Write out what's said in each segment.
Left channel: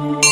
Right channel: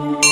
సాయి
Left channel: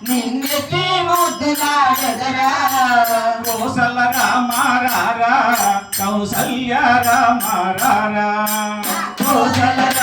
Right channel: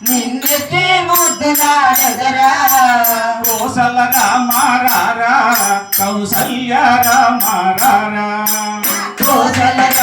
నిన్నెత్తి ముద్దులాడదరా కోసల రామారారా కౌసల్య కోసల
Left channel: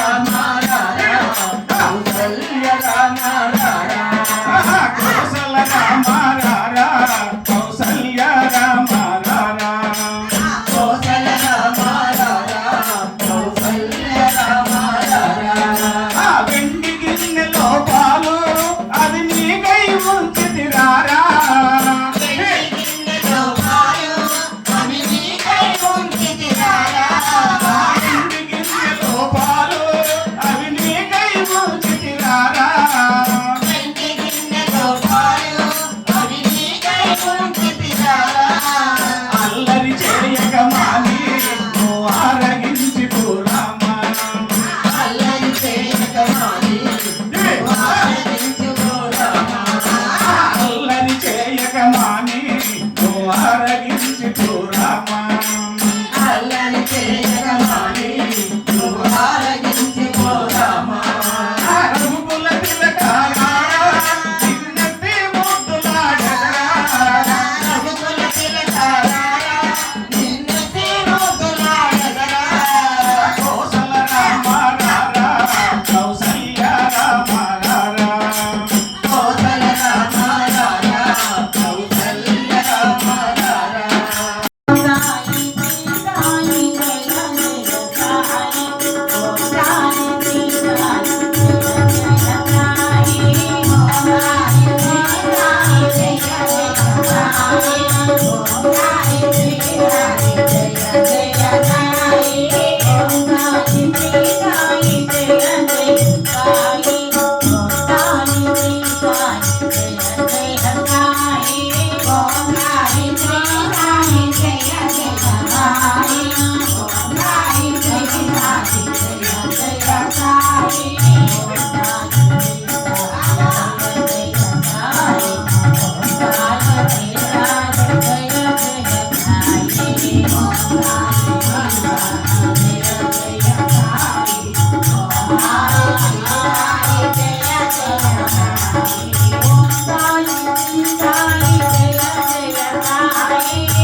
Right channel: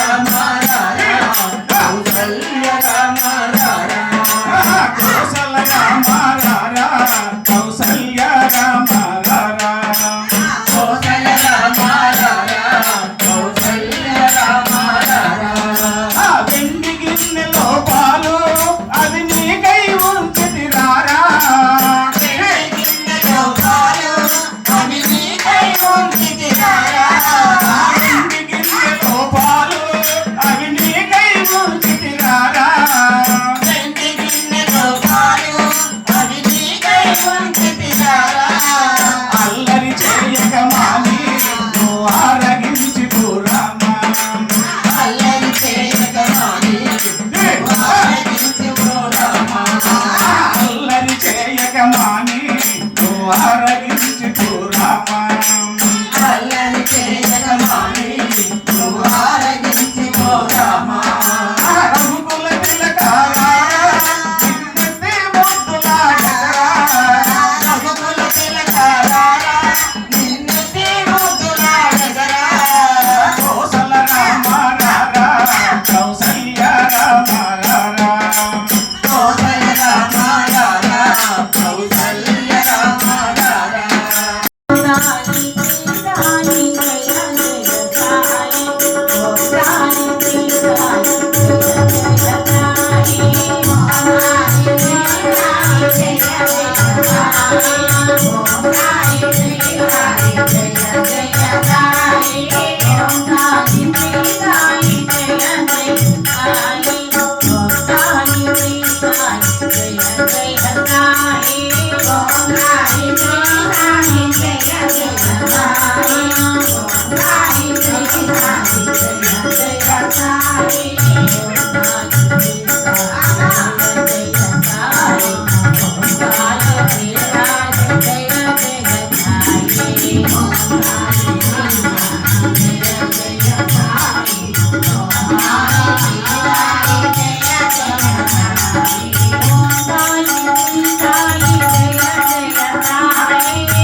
আমি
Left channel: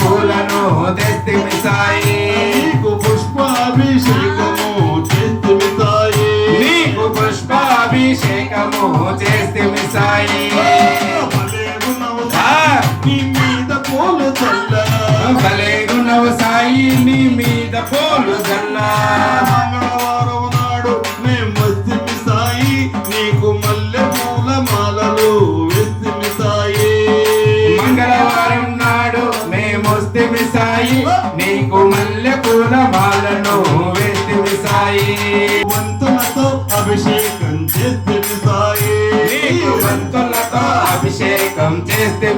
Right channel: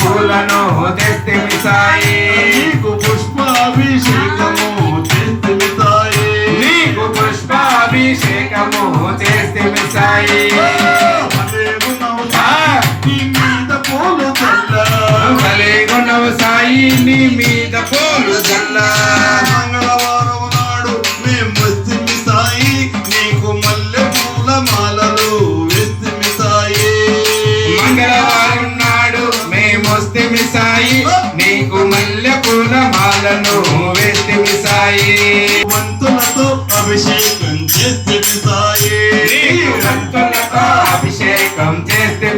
పూలను తెస్తిమి సాయి నీకు పుష్పాభిషేకము చేస్తుమి తాయే నీకు పుష్పాభిషేకము చేస్తిమి సాయి నీ మీద పూలు చల్ల సాయి నీ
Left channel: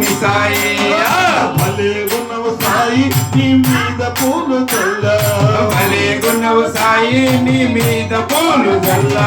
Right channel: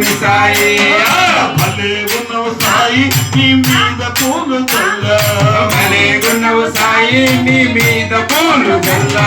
చేస్తిమి సాయి! భలే ఉన్నవు సాయి నీ మీద పూలు చల్ల భలే గుణవు సాయి నీ మీద పూలు జల్లా